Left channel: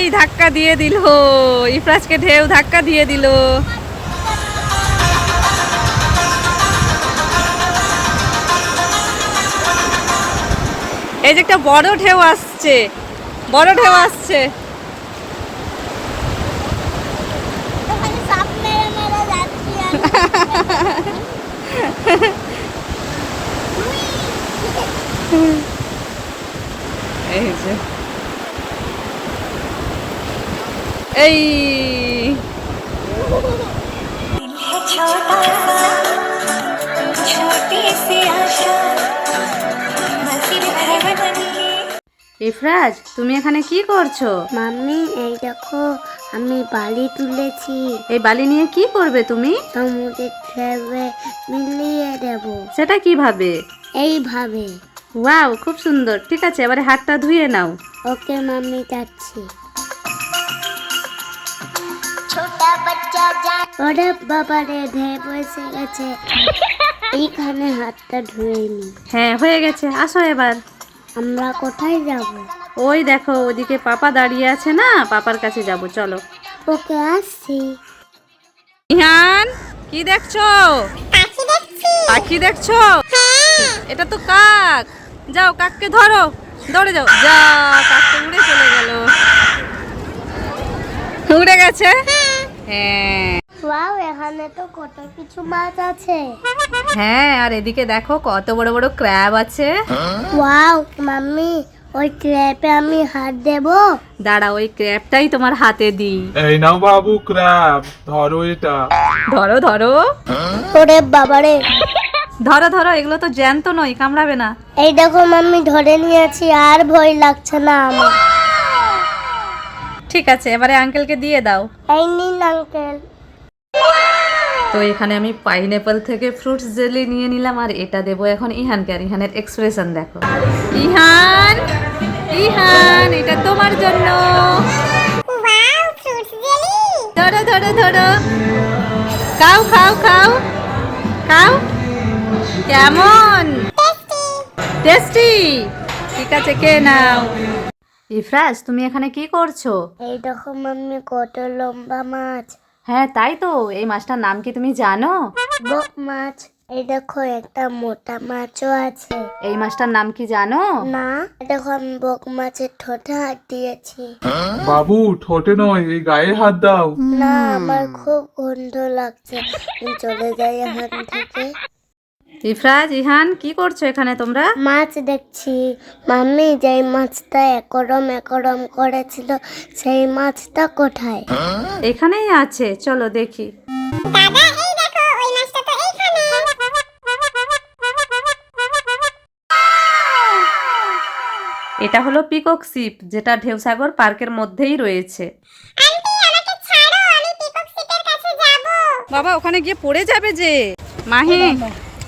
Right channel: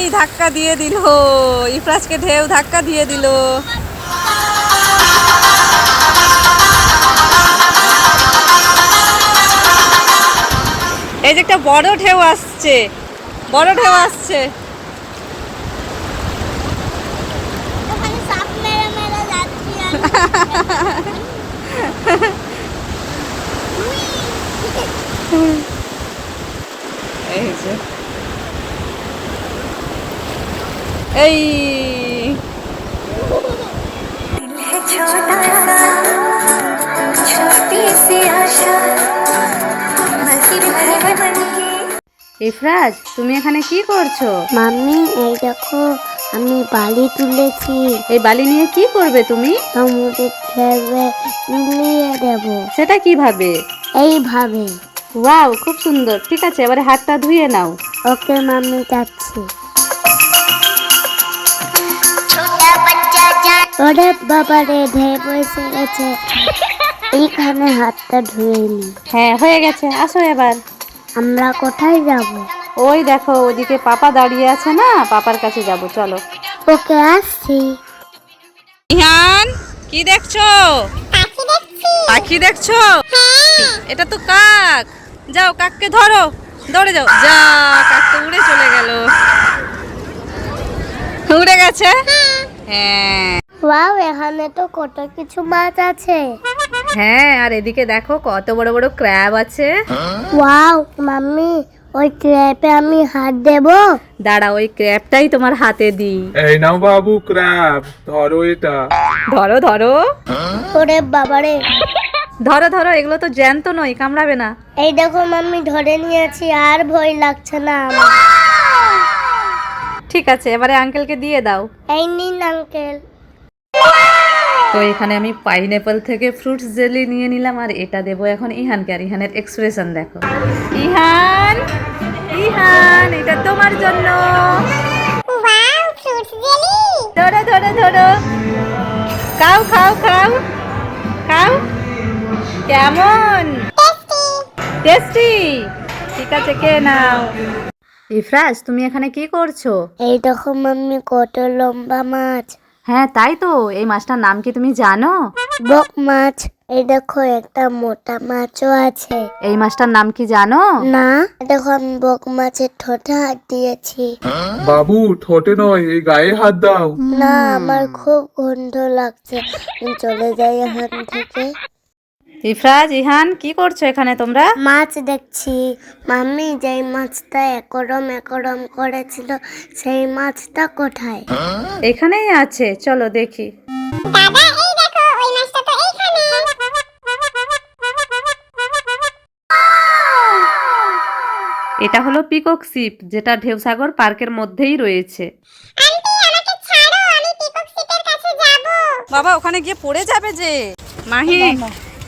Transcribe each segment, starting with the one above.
এই ধাক্কা দিয়ে দিল, ইফরাজকে ঢেউ ধাক্কা দিয়ে দিল। এই যে একটা বড় ঢেউ আসছে, বড় ঢেউ আসছে। এই যে এই ইফরাজ, তুমি এখানে কি করছো? মাম্মি এই দেখো আমি বালি তুলেছি। এই বালি নিয়ে কি করবে তুমি? সমুদ্রে খেলবে, মিলিয়ে দেব। সেটা কিভাবে? এইভাবে। ওয়াও, খুব সুন্দর। ঠিক আছে, এবারে হাতটা ধুয়ে নাও। ওকে মাম্মি, যাচ্ছি। ওরে বাবারে, ঢেউ এসে গেছে। এইখানে হাতটা ধুয়ে নি। হ্যাঁ, হয়ে গেছে। আসো এবার। আমরা কোথায় যাব? ওই দেখো, ওদিকে পাপা দাঁড়িয়ে আছে না, পাপার কাছে যাব, চলো। ওকে, আসছি। ইহান, কি দেখছো? পাখি দেখছো? এটা তো কাক। যাও, কাককে ধরো, দৌড়ে যাও। যা, কাক তো উড়ে চলে গেল। উড়ে গেছে। হ্যাঁ ওয়াও, এখানে তো কত কিছু মাছ আছে। হ্যাঁ, আর এদিকে দেখো কত বড় বড় ক্র্যাব আছে। ওয়াও মাম্মি, ওই ক্র্যাপে আমি হাত দেব? দাঁড়া, ওই ক্র্যাবটাই তোমার হাতে দিই। এই নাও বাবু ক্র্যাব, ধরো এটা। ধরো ধরো ওরে বাবারে। ধরো ধরো, এগুলো তো জ্যান্ত নয়, কামড়াবে না। এই দেখো মাম্মি, ধরে নিয়েছি, আর ভয় লাগছে না আমার। ঠিক আছে, এবারে আঙ্কেলকে দিয়ে দাও। এই নিন আঙ্কেল। তো এখানে আমি পাইনঅ্যাপল থেকে ফ্রুটস জেলি নিয়ে নিলাম, আর এটা দেবো এখন ইহানকে। আর ইহানের এক্সপ্রেশন দেখো। ইহান, ইহান, এটা তোমার জন্য। ধরো ধরো ধরো, খাও খাও খাও খাও। কেমন টেস্টি? ঠিক আছে, কে নাও। ইফরাজ, তুমি এখানে কি করছো? এই দেখো মাম্মি, কত লম্বা মাছ। হ্যাঁ, তাই তো। এই মাছটার নাম কি তুমি জানো? বক মাছ। এই দেখো একটা মোটা মাছও আছে। এই মাছটার নাম কি জানো? না, দেখো আমি বক মাছের ঠোঁটে হাত দিয়েছি। বাবু ঠোঁটে নয়, এই গায়ে হাত দাও। না, আমার খুব গন্ধ লাগছে, আমি চলে যাই এখান থেকে। ইফরাজ, ইহান, কি করছো এখানে তোমরা? মাছ দেখছি। মাম্মি, যেই মাছটা একরম একরম করেছিল, সেই মাছটা কোথায়? এখানেই আছে, চলো দেখি। দাদা, এই দেখো, ওই মাছটা তো এইখানে। এটা হলো পিকক শিপ, যেটা ঢেউসাগর পার্কের মধ্যেই রয়েছে। বাবা, ওখানে গিয়ে পড়ে যাবে যে। মাহি,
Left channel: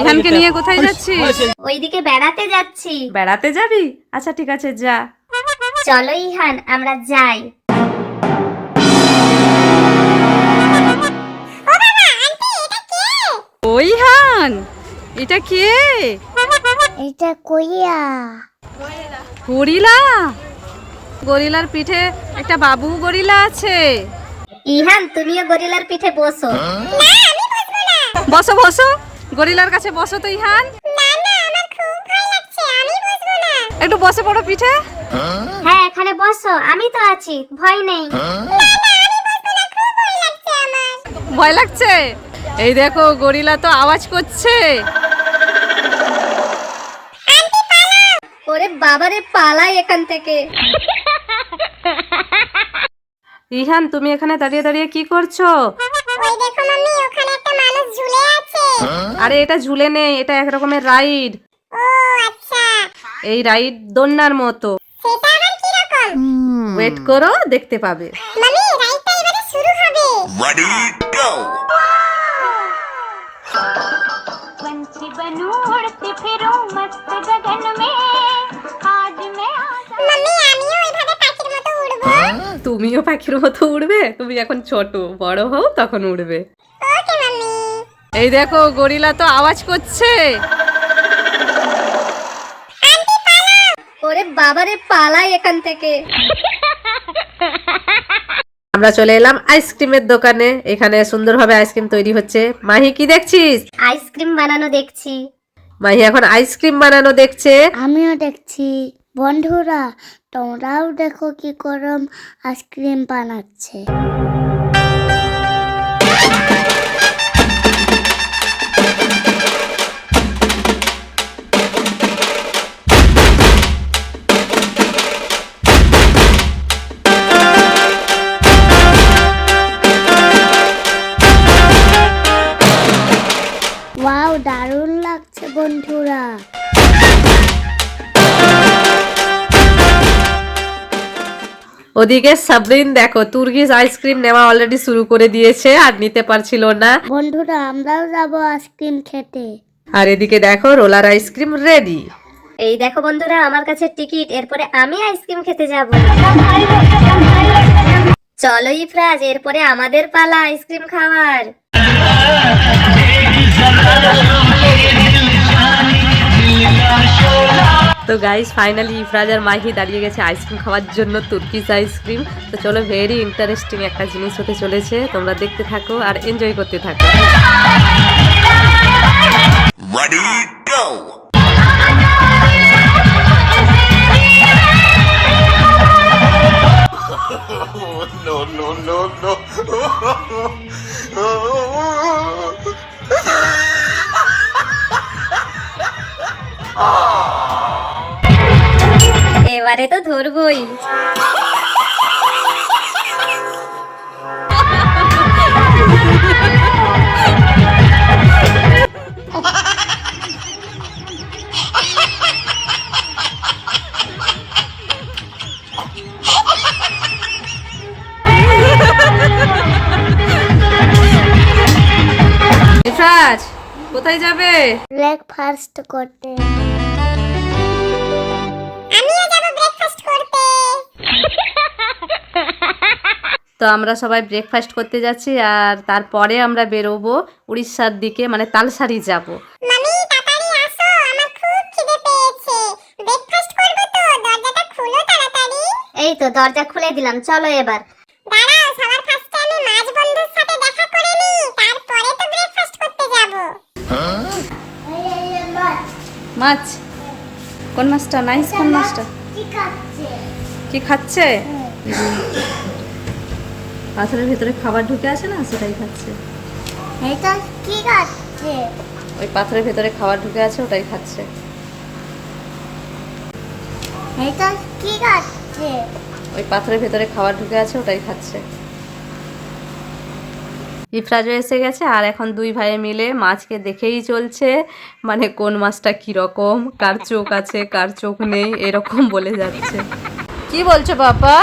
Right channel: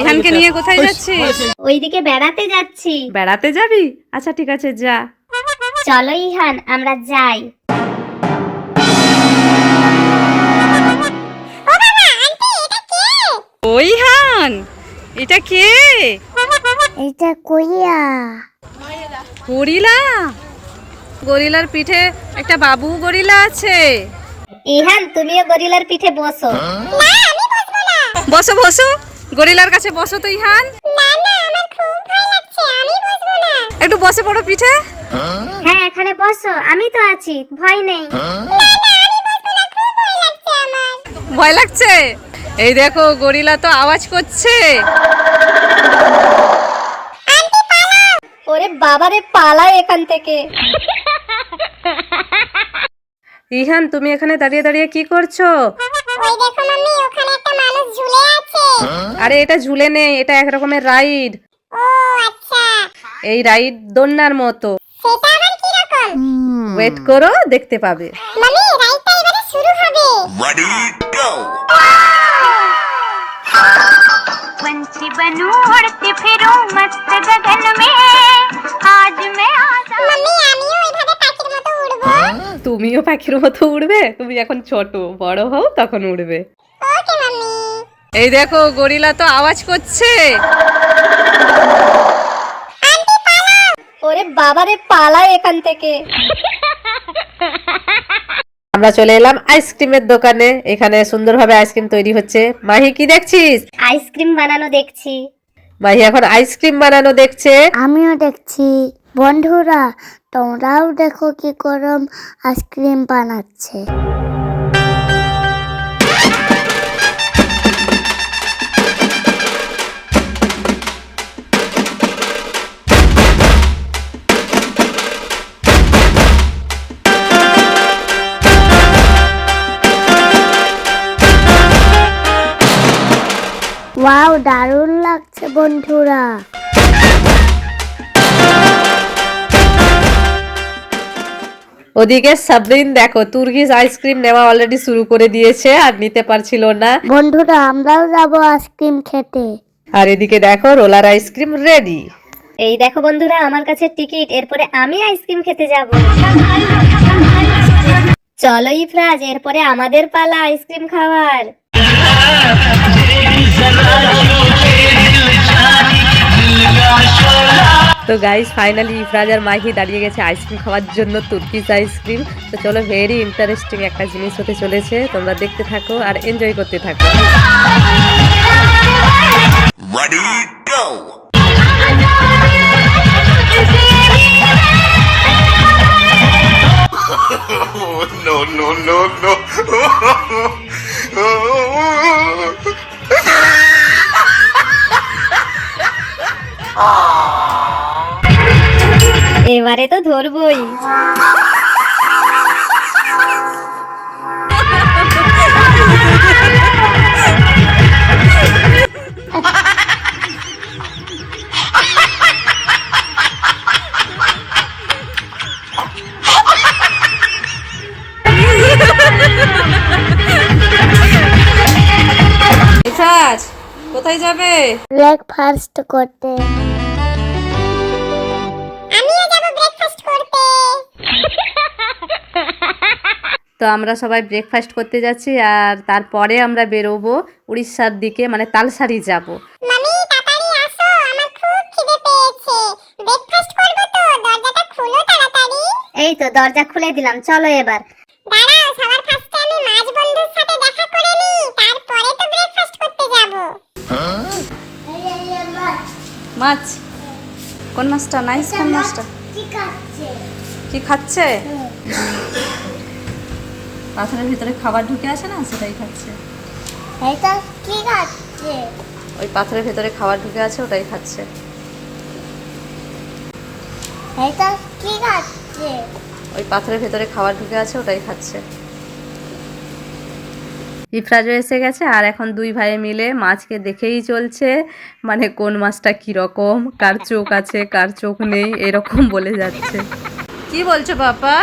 ইহানকে নিয়ে কোথায় যাচ্ছিস? ওইদিকে বেড়াতে যাচ্ছি। বেড়াতে যাবি? আচ্ছা ঠিক আছে, যা। চলো ইহান, আমরা যাই। ও ইহান, এটা কে? এটা কইয়া। গরিলা। গরিলার পিঠে একটা বাবু গরিলা আছে। ইহান, তুমিও গরিলার পিঠে বসো। বসো বসো, গরিলার কাছে বসো তো ইহান। একটু বসে পড়ো পিঠে। হ্যাঁ, এখানে বসো, আমি তো আছি, ভয় নেই। ভয় লাগছে? এই দেখো, গরিলা তো আওয়াজ করছে। ওরে বাবারে, পালাই এখান থেকে। ইহান, তুমি এখানে দাঁড়িয়ে দাঁড়িয়ে কি করছো? ওই দেখো মাম্মি, ওখানে একটা মানুষ ঝুলে আছে। আরে এটা ঝুলে নেই, এটা এক রকমের রাইড। ও আচ্ছা, এই রাইড দোলনার মতো। সেটা আবার কি রকম? ওয়েট করো, দেখতে পাবে। মাম্মি, রাইডটা এবারে শুরু হবে। Ready, go! पंछी बनूं, उड़ती फिरूं मस्त गगन में, आज मैं आजा। मम्मी, আমিও এইভাবে পাখির মতো উড়বো। তুমিও পাখির মতো উড়বে? তুমি এখন ছোট, বড় হও তখন উড়বে। ওকে মাম্মি। এই দেখো, গরিলা তো আওয়াজ করছে। ওরে বাবারে, পালাই এখান থেকে। আমরা চলে এলাম আইসক্রিমের দোকানে। এখানে সুন্দরভাবে আইসক্রিম তৈরি হচ্ছে। মাহি কি দেখছিস? আইসক্রিম বানানো দেখছি। মাহি এখন আইসক্রিম বানানো দেখছে। আমিও দেখছি। বন্ধুরা তোমরাও দেখো কি গরম আইসক্রিম বানাচ্ছে। ওয়াও, দারুণ লাগছে বন্ধুরা। ওদিকে সাবরিন দেখো তুর্কিশ আইসক্রিম নেওয়া অলরেডি শুরু করে দিয়েছে আর নিতে পারছিল না। বন্ধুরা আমরাও যাবো আইসক্রিম খেতে। আর এদিকে দেখো রোলার আইসক্রিম রেডি। এই দেখো বন্ধুরা আমার কাছে টিকিট, এরপরে আমি আইসক্রিম খেতে যাব। চলো ইফরাজ, এরপরে আমাদের পালা আইসক্রিম খাওয়ার। তো গাইস ফাইনালি ইফরাজ আর মাহি দাঁড়িয়ে গেছে আইসক্রিম খাওয়ার জন্য, তুর্কিশ আইসক্রিম। তো চলো, ভেরি ইন্টারেস্টিং একটা জিনিস হতে চলেছে, তোমরা দেখতে থাকো আর এনজয় করতে থাকো। Ready, go! No, no, no, no. এবারে তো ধরবই। ইফরাজ কোথায় যাবে? ব্রেকফাস্ট করতে। আমিও যাব ব্রেকফাস্ট করতে। তো আমরা সবাই ব্রেকফাস্ট করতে যাচ্ছি আর তারপরে আমরা বেরোবো উড়িষ্যার দিকে, মানে তালসারি যাব। মামি তাড়াতাড়ি আসো, আমার খুব খিদে পেয়েছে। ব্রেকফাস্ট করব তো, দরজাটা খোলো তাড়াতাড়ি। এই তো দরজা খুলে দিলাম, চলো এবার। দাঁড়াও, সবার ফার্স্টে আমি মাছ বন্ধুর সাথে দেখা করে নিই, তারপরে তো ব্রেকফাস্ট করতে যাব। মাছ? কোন মাছটা? নাইস। কোন মাছটা? কি খাচ্ছে? পাথরের ভিতরে খাবার ঢুকে আসে না, সেটাই খাচ্ছে। এটা কি খাচ্ছে? ওই পাথরের ভিতরে খাবার ঢুকে আছে, ওটাই খাচ্ছে। এটা কি খাচ্ছে? ওই পাথরের ভিতরে খাবার ঢুকে আছে, ওটাই খাচ্ছে। ইফরাজও এসে গেছে আর এখন দুই ভাই মিলে মাছকে দেখেই চলছে, মানে কোন মাছটা কিরকম, কার চোখ আছে কার চোখ নেই, এরকম বলে যাচ্ছে। কি বলছো বাবা?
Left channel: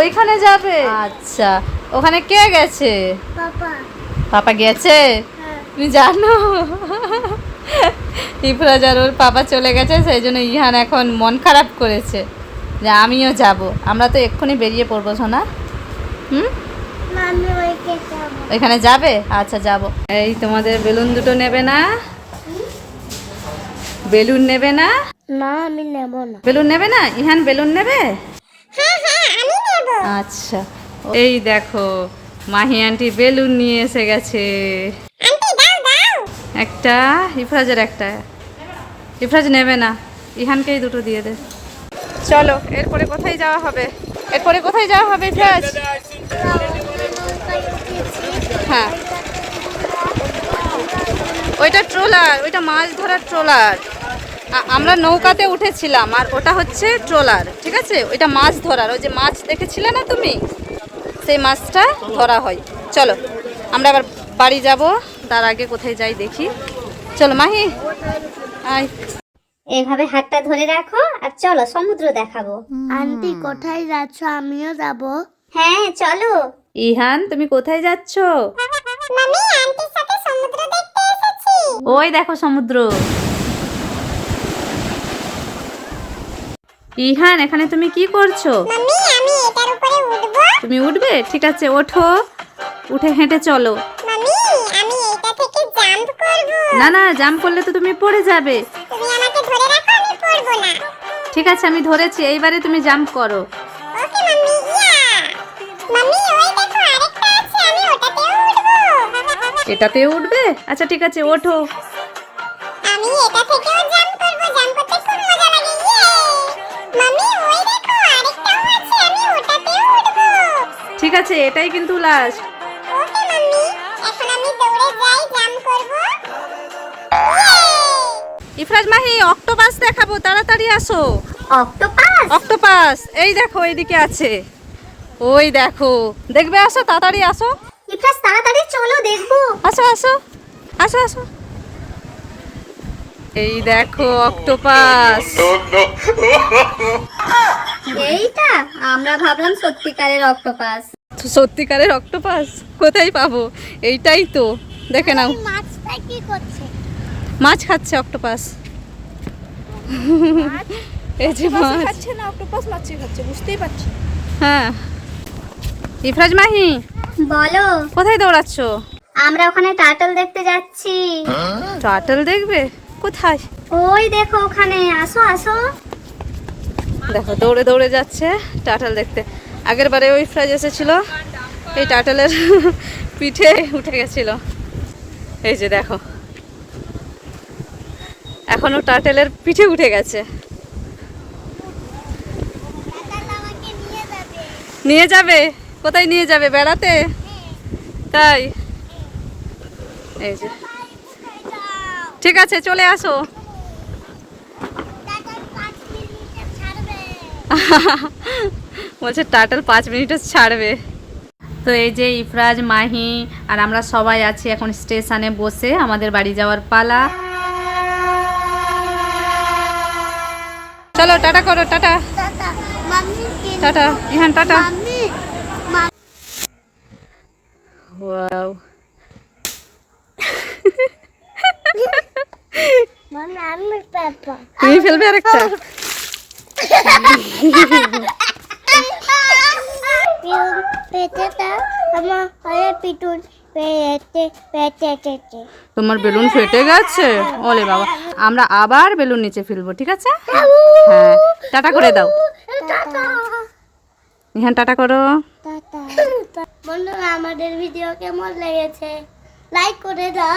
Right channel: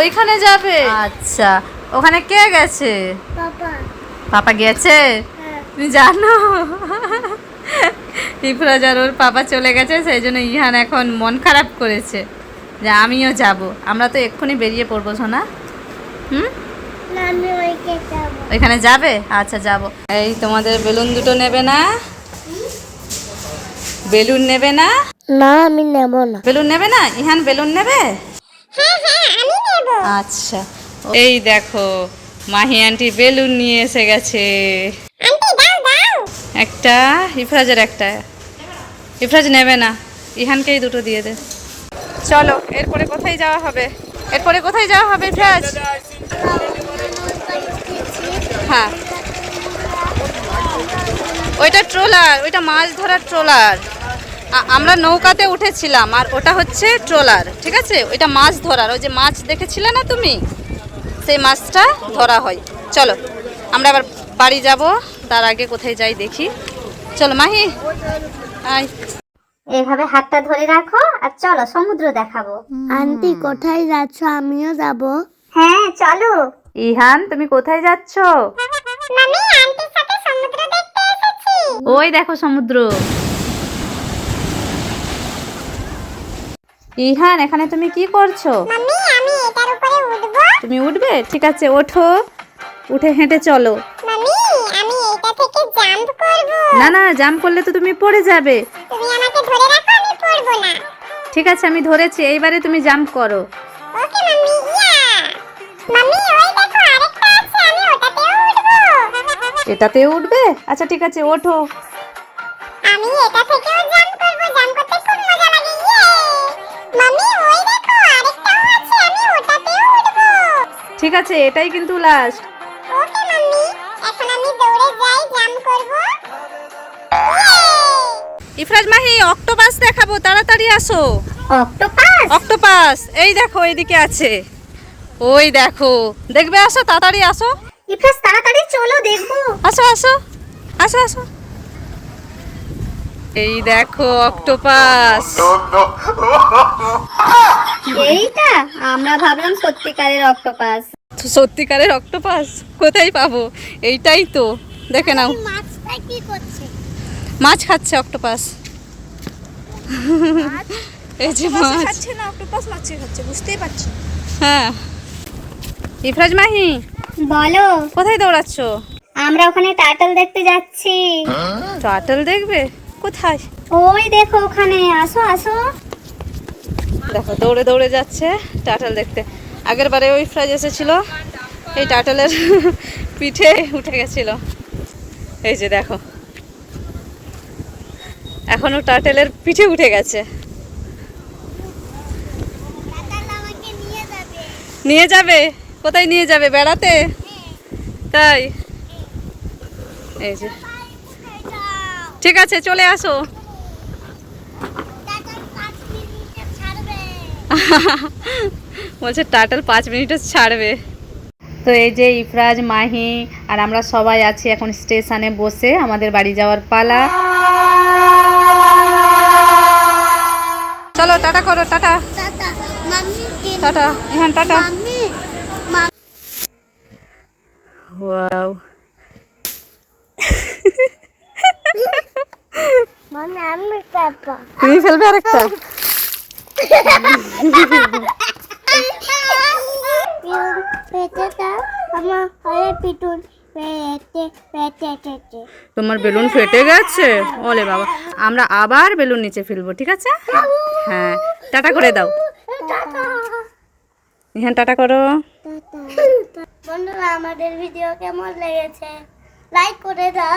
ওইখানে যাবে? আচ্ছা, ওখানে কে গেছে? পাপা। পাপা গেছে? তুমি জানো ইফরাজ আর ওর পাপা চলে গেছে, সেই জন্য ইহান এখন মন খারাপ করেছে যে আমিও যাব। আমরা তো এক্ষুনি বেরিয়ে পড়বো সোনা। আমি ওইকে যাবো। ওইখানে যাবে? আচ্ছা যাব। এই তোমাদের বেলুন দুটো নেবে না? বেলুন নেবে না? না আমি নেব না। বেলুন নেবে না? ইহান বেলুন নেবে? হ্যাঁ হ্যাঁ, আমি নেব। আচ্ছা, এই দেখো মাহি আন্টি বেলুন নিয়ে এসে গেছে। আন্টি দাও দাও। একটা, ইফরাজের একটা। ইফরাজ নেবে না, ইহানকেই দুটো দিয়ে দে। চলো, এরপরে কোথায় যাওয়া হবে? এরপরে কোথায় যাওয়া হবে ইফরাজ? হ্যাঁ, ওইটা ট্রলার, ওইটা মাছ ধরার ট্রলার। আমরা নৌকাতে উঠেছিলাম আর ওটা হচ্ছে ট্রলার, ঠিক আছে? ওইটা মাছ ধরার, ওই যে মাছ দেখেছিলে না তুমি, সেই মাছটা ধরা হয়। চলো আমরা আবার বাড়ি যাব, তার আগে কোথায় যাই দেখি। চলো মাহি আয়। এভাবে হাতটা ধরে রাখো আর চলো সমুদ্র দেখাবো। আন্টি কোথায় যাচ্ছ? আমিও যাব। হ্যাঁ চলো। ইহান তুমি কোথায় যাচ্ছ? মামি আন্টির সাথে সমুদ্র দেখতে এসেছি। ওই দেখো সমুদ্র। ইহান এখানে তুমি কি করছো? মামি আমি এটার উপরে উঠবো। তুমি উঠবে? ঠিক আছে, ওঠো, উঠে হেঁটে চলো। মামি আমি এটা থেকে জাম্প করব। না না, জাম্প করলে তো তুমি পড়ে যাবে। তুমি আমাকে ধরে রাখো, আমি পড়বো না। ঠিক আছে, আমি ধরেছি, এইবারে তুমি জাম্প করো। ওকে মামি, ইয়া মাম্মি ওই দেখো আরেকটা আছে, আমি ওটাতেও উঠবো। এটাতে উঠবে? আচ্ছা ঠিক আছে, ওঠো। আমি এটা থেকেও জাম্প করব, জাম্প করতে খুব মজা লাগে। ইয়ে! মাম্মি ওই দেখো আরেকটাও আছে, আমি ওটাতেও উঠবো। ঠিক আছে, এটাই কিন্তু লাস্ট। ওকে মাম্মি, এখন আমি দৌড়ে যাই, জাম্প করব। ইফরাজ মাহি, অক্টোপাস দেখাবো, তাড়াতাড়ি আসো। অক্টোপাস? অক্টোপাস এই দেখো, এইদিকে আছে। ওই দেখো, দেখবে, আসো তাড়াতাড়ি আসো। ইফরাজ তাড়াতাড়ি চলো দেখো। আসো আসো আসো আসো। এই দেখো অক্টোপাস। No, no. এইটা আমরা ভাবলাম সত্যিকারের অক্টোপাস। সত্যিকারের অক্টোপাস কোথায় পাবো? এইটাই তো, দেখে নাও। মাছটা কি করছে? মাছ খাচ্ছে অক্টোপাস। এই যে মাছ খাচ্ছে না, অক্টোপাস মাছই খাচ্ছে, বুঝতেই পারছি। হ্যাঁ। ইফরাজ মাহি, বলো। কোথায় দৌড়াচ্ছ? আমরা ওখানে টার্টল দেখতে যাচ্ছি। টার্টল দেখবে? কোথায়? ওই দেখো ওখানে, আসো আসো। দেখো দৌড়ে দৌড়ে যাচ্ছে টার্টল দেখতে। আগের বারে ওই ইফরাজ এসেছিল, এই টার্টলের পিঠে উঠে গেছিল। এই যে দেখো, এখনো টার্টলের পিঠে উঠে গেছে। নিয়ে যাবে? কোথায় নিয়ে যাবে? বেড়াতে? তাই? এই যে, ঠিক আছে, চলে আসো। বলছে টার্টল 5 মিনিটও ছাড়বে। তো এই যে ইফরাজ, মাহি আর আমরা সবাই আছি এখন স্টেশনে বসে, আমাদের বাড়ি যাওয়ার পালা। চলো টাটা করো, tata tata mummy tata. Ihan tata. Mummy wow, mummy আমি পাপা তুমি ফেলবে আরেকটা? পেটেটা আমার হয়ে পিটুন পেটে পেটে পেটে তোমার বেলুন ফেটে গেছে? ওলে বাবা, আমরা আবার বেলুন নিচে ফেলবো, ঠিক আছে? হ্যাঁ, টাটা করে দাও। ইহান টাটা করো। টাটা। বন্ধুরা আমাদের ভিডিও কেমন লেগেছে লাইক করে দাও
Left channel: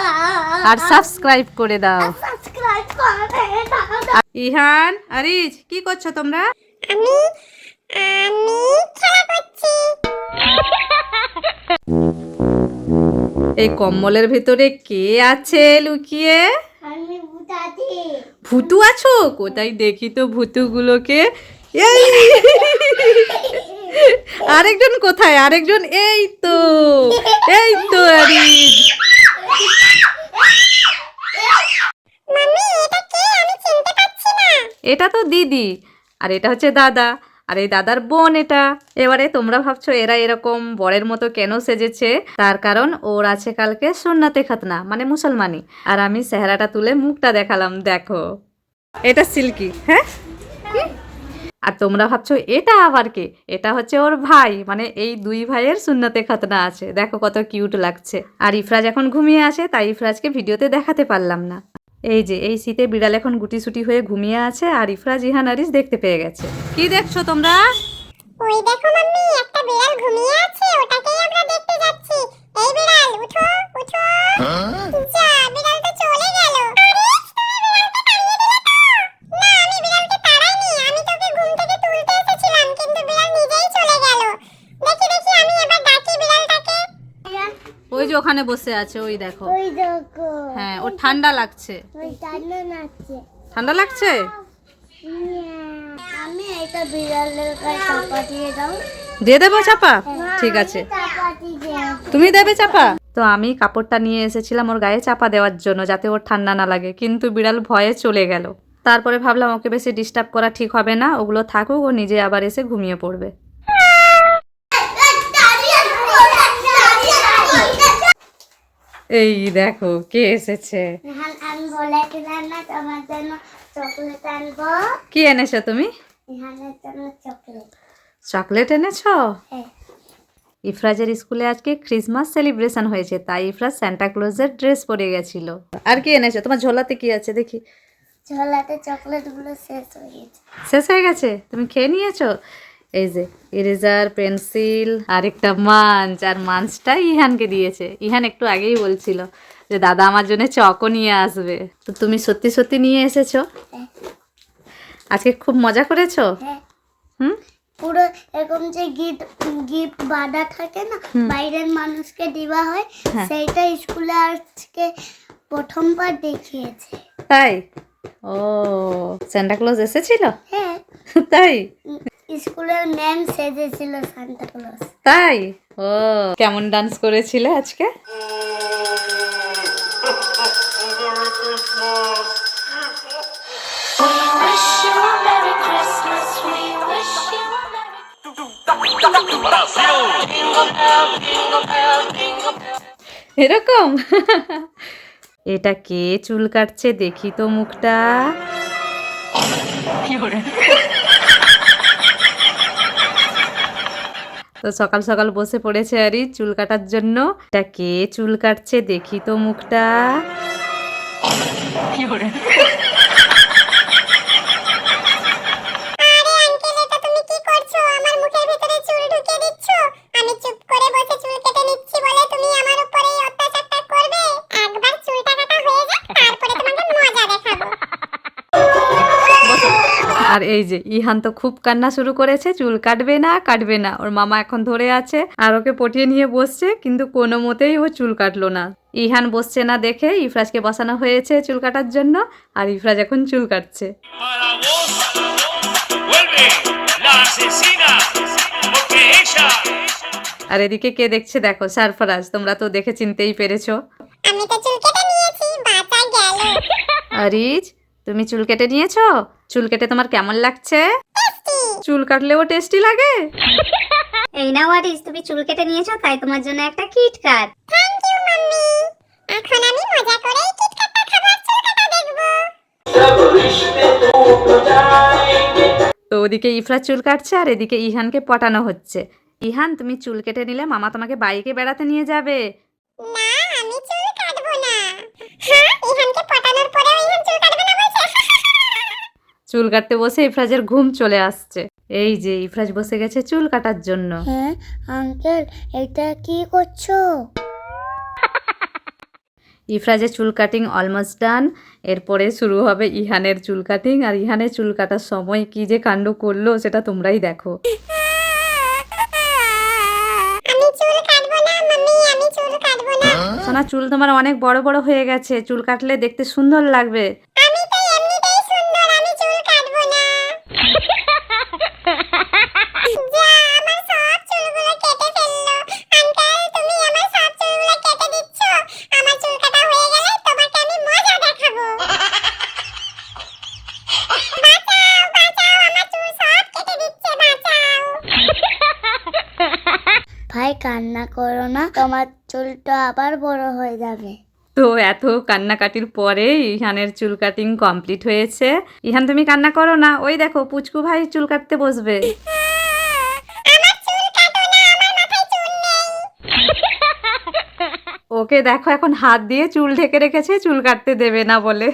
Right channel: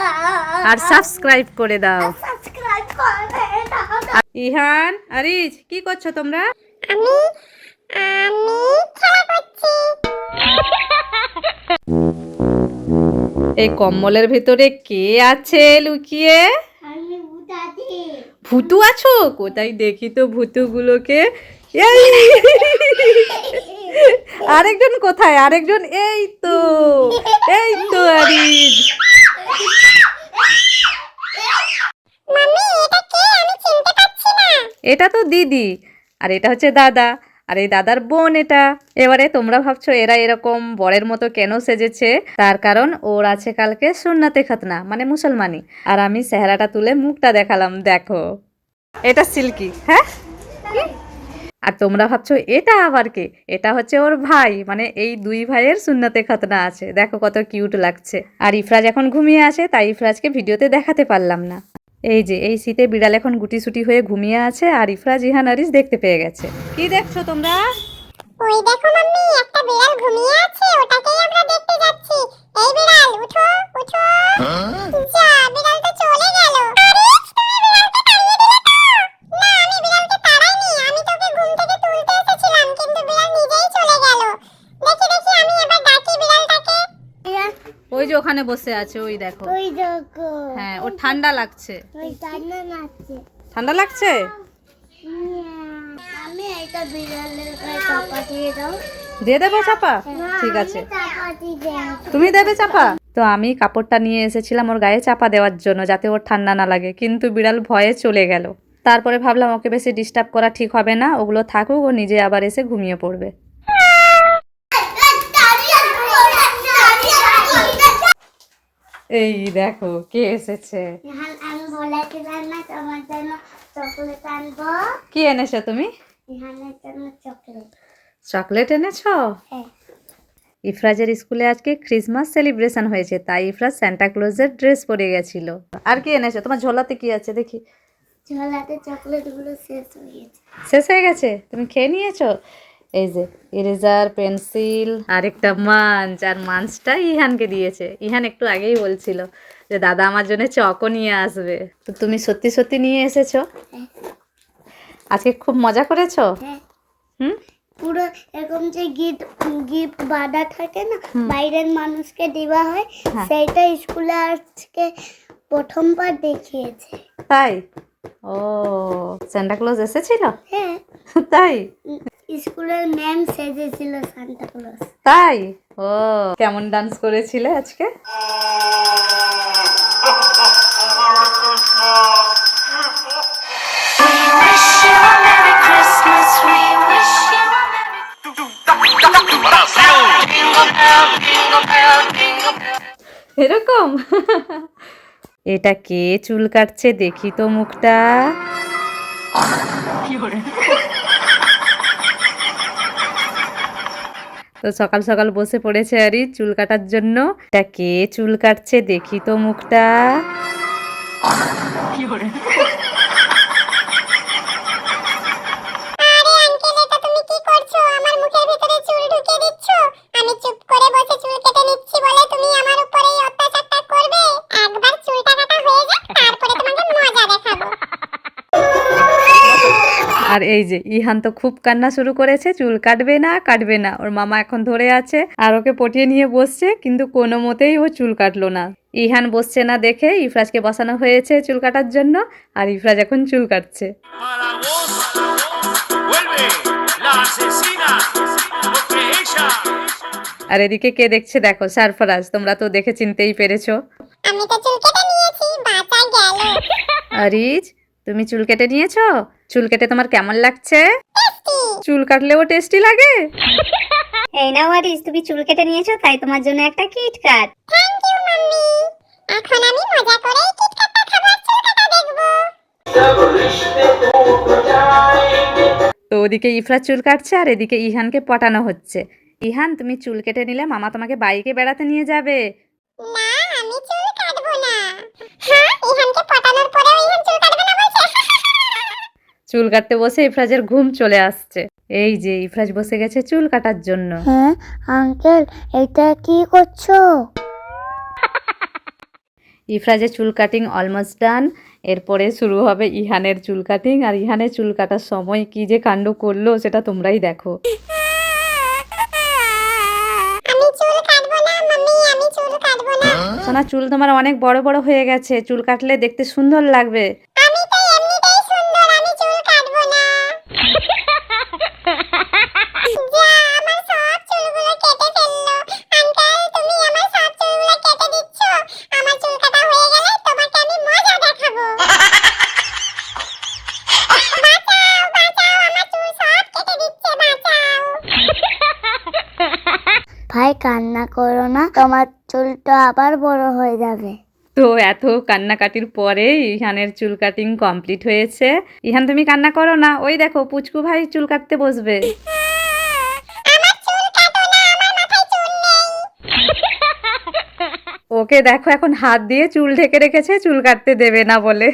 আর সাবস্ক্রাইব করে দাও। সাবস্ক্রাইব করে দাও। ইহান, আরিজ, কি করছো তোমরা? আমি খেলা করছি। এই কম্বলের ভেতরে কে আছে লুকিয়ে? আমি দাদি ভূতু আছো? কোথায় দেখি তো ভূতুগুলোকে। এই আরেকজন কোথায়? আরেকজন এই তো, এই তো আরিজ। মাম্মি এটা কে? আমি চিনতে পারছি না। এটা তো দিদি, আর এটা হচ্ছে দাদা, আর এই দাদার বোন এটা। এবারে তোমরা ভাবছো এরা এরকম বরের মতো কেন সেজেছে? তার কারণ ওর আছে কালকে সুন্নাতে খাতনা, মানে মুসলমানি। আর আমি চেহারাটা তুলে মুখটা দেখালাম, দেখো এটা সিল্কি। হ্যাঁ, আর তোমরা ভাবছো এটা আবার কে? এটা হচ্ছে ওর ভাই, মানে এই দুই ভাইয়ের সুন্নতে খাতনা আছে। দেখো কত কিউট লাগছে। আর ইফরাজ এখন ঘুমিয়ে আছে, তাই ইফরাজকে ভিডিওতে দেখাতে পারলাম না। এই যে এই শীতে বিড়াল এখন গুটিসুটি হয়ে ঘুমিয়ে আছে, আর ইফরাজ, ইহান, আরিস দেখতে পেয়ে গেছে। কি দেখছো তোমরা? ওই দেখো মাম্মি, একটা বিড়াল ঘুমিয়ে আছে, ওটাকেই আমরা দেখতে যাচ্ছি। এই বিড়াল উঠো উঠো। যা, বিড়াল তো চলে গেল। আরিস, তুমি বিড়ালকে তাড়িয়ে দিলে তো? না, আমি বিড়ালকে তাড়াইনি, আমি তোকে ঘুম থেকে তুলতে এসেছিলাম, কিন্তু বিড়াল নিজেই চলে গেল। দেখি দেখি, আমি এবার ডাকি বিড়ালটাকে। ওই যে ওখানে বসে আছে, ওই দেখো। ওই দেখো হ্যাঁ, ওর ঠান্ডা লাগছে। ওই টান্না নাচছে ঠান্ডা লাগছে? আমি এটা বিড়ালের গায়ে চাপা দিয়ে দাও দিয়ে দেবো চাপা? ঠিক আছে, চাপা দিয়ে তুমি দেবে চাপা? তো আমি কাপড়টা নিয়ে এসেছিলাম ওর গায়ে চাপা দেওয়ার জন্য, যাতে ওর ঠান্ডা না লাগে, কিন্তু বিড়াল ভয়ে চলে গেল। তারপরে ভাবলাম ওকে বেশি ডিস্টার্ব করা ঠিক হবে না, ওগুলো থাকুক, ও নিজে আবার এসে ঘুমিয়ে পড়বে। এই দেখো কে এসেছে। এখন আমি বলেছিলাম না তোমার জন্য চকলেট আনবো। কি এনেছো তুমি? এখানের জন্য চকলেট। চকলেট এনেছো? হ্যাঁ। ইফরাজের স্কুলে আজকে ক্রিসমাস সেলিব্রেশন হয়েছে, তাই ইফরাজ সান্টা ক্লজের ড্রেস পরে গেছিল। আর কি এনেছো? তোমার ঝোলাতে কি আছে দেখি। ঝোলাতে চকলেট গুলো শেষ হয়ে গেছে। শেষ হয়ে গেছে? তুমি খেয়ে নিয়েছো? এই যে ইরেজার, পেন্সিল আর একটা মাঞ্চ, আর মাঞ্চটা ইহানকে দিয়েছে। ইহান একটু আগেই বলছিল যে দাদা আমার জন্য চকও নিয়ে আসবে। তো তুমি সত্যি সত্যি নিয়ে এসেছো? আজকে খুব মজা করেছো? হ্যাঁ। হুম। পুরো এরকম যে গিফট বাঁধা থাকে না, বাইরের মানুষকে দেওয়া হয়, সেইটা স্কুলে আজকে প্রথমবার দেখিয়েছে। তাই? ও, সান্টা ক্লজ এসেছিল? হ্যাঁ, তাই? স্কুলের ম্যাম সেজেছিল সান্তা ক্লজ। তাই? ও, কেমন ডান্স করেছিল আজকে? এরকম? এটা কে চুল কাটছে দেখি তো মুখটা। তো সকাল সকাল বসে পড়েছে আরি চুল কাটার জন্য। এটা কে চুল কাটছে দেখি তো মুখটা। আরে আঙ্কেল, এটা তুমি কি করছো? আমার মুখের ভিতরে চুল ঢুকিয়ে দিচ্ছ। আমি চুপ করে বসে চুল কেটে নিচ্ছি বলে তুমি আমার উপরে এই অত্যাচারটা করবে? একবার চুলটা কাটা হয়ে যাক, তারপরে তোমাকে মজা দেখাবো। আর এই যে ইহান তো খুব কান্না শুরু করেছে, চুল কাটবে না কাটবে না। ওর মামা এখন ধরে আছে আর ওকে পটিয়ে নিয়ে বসছে, কিন্তু কোনো মতেই ও চুল কাটলো না। ইহান বসছে না দেখে ইফরাজকে বসানো হয়েছে চুল কাটার জন্য, আর ইফরাজ এখন চুল কাটছে। আর এদিকে কে দেখছে দেখো, সারফরাজ। তোমরা তো দেখে চিনতেই পেরেছো। আমি তো চুল কেটে নিয়েছি, বাঁচা গেল। আরিজ, তুমি চুল কেটে নিয়েছো? চুল কেটে তোমার কেমন লাগছে? চুল কাটলেও টেস্টি লাগে? এই নাও আরিস, তুমি চুল কেটে নিয়েছো, তাই তোমার জন্য একটা কিটক্যাট। Thank you mummy. এখন আমি মজা করে কিটক্যাটটা খাবো, চুল কাটা দেখবো। তো ওদিকে ইফরাজ চুল কাটছে আর এদিকে ইহানকে পটানো হচ্ছে। ইহান, তুমি চুল কেটে নিলে মামা তোমাকে বাইকে বেড়াতে নিয়ে যাবে। না, আমি চুল কাটবো না। হ্যাঁ, ইহানকে পটানোর পরেও ইহান চুল কাটবে না বলছে। চুল কাটতে বসে ইফরাজের ঘুম চলে আসছে। এই যে ইফরাজ বসে গেছে চুল কাটার জন্য। হ্যাঁ আঙ্কেল, এটা কি করছো? ইফরাজের চুল কাটিং অলমোস্ট ডান। এরপরে শুরু হবে ইহানের চুল কাটিং। আর ইহানের চুল কাটার সময় কি যে কাণ্ড করলো সেটা তোমরাই দেখো। আমি চুল কাটবো না মাম্মি, আমি চুল কাটবো না। সোনা, চুল তোমার অনেক বড় বড় হয়ে গেছে, চুল কাটলে দেখতে সুন্দর লাগবে। আমি তো এমনিতেই সুন্দর, আমি চুল কাটবো না। যা, আমার সব চুলগুলো কেটে ফেললো। আঙ্কেল, তুমি আমার সব চুলগুলো কেটে দিচ্ছ। আমার চুল কাটা হয়ে গেলে তোমাকে আমি মজা দেখাবো। বাঁচাও, বাঁচাও, আমার চুল সব কেটে দিচ্ছে, বাঁচাও। ভাই কান্না করো না, তোমার চুলটা আবার বড় হয়ে যাবে। তো এত কান্নাকাটির পরে ইহানের চুল কাটিং কমপ্লিট হয়েছে। ইহান, তুমি কান্না করো না, ওই দেখো পুচকু ভাই চুল কাটতে বসবে। আমার চুল কাটো না, আমার মাথায় চুল নেই। ওকে দেখো এখন হাত দিয়ে চুল ঢেকে রেখেছে, চুল কাটতে দেবে না বলে।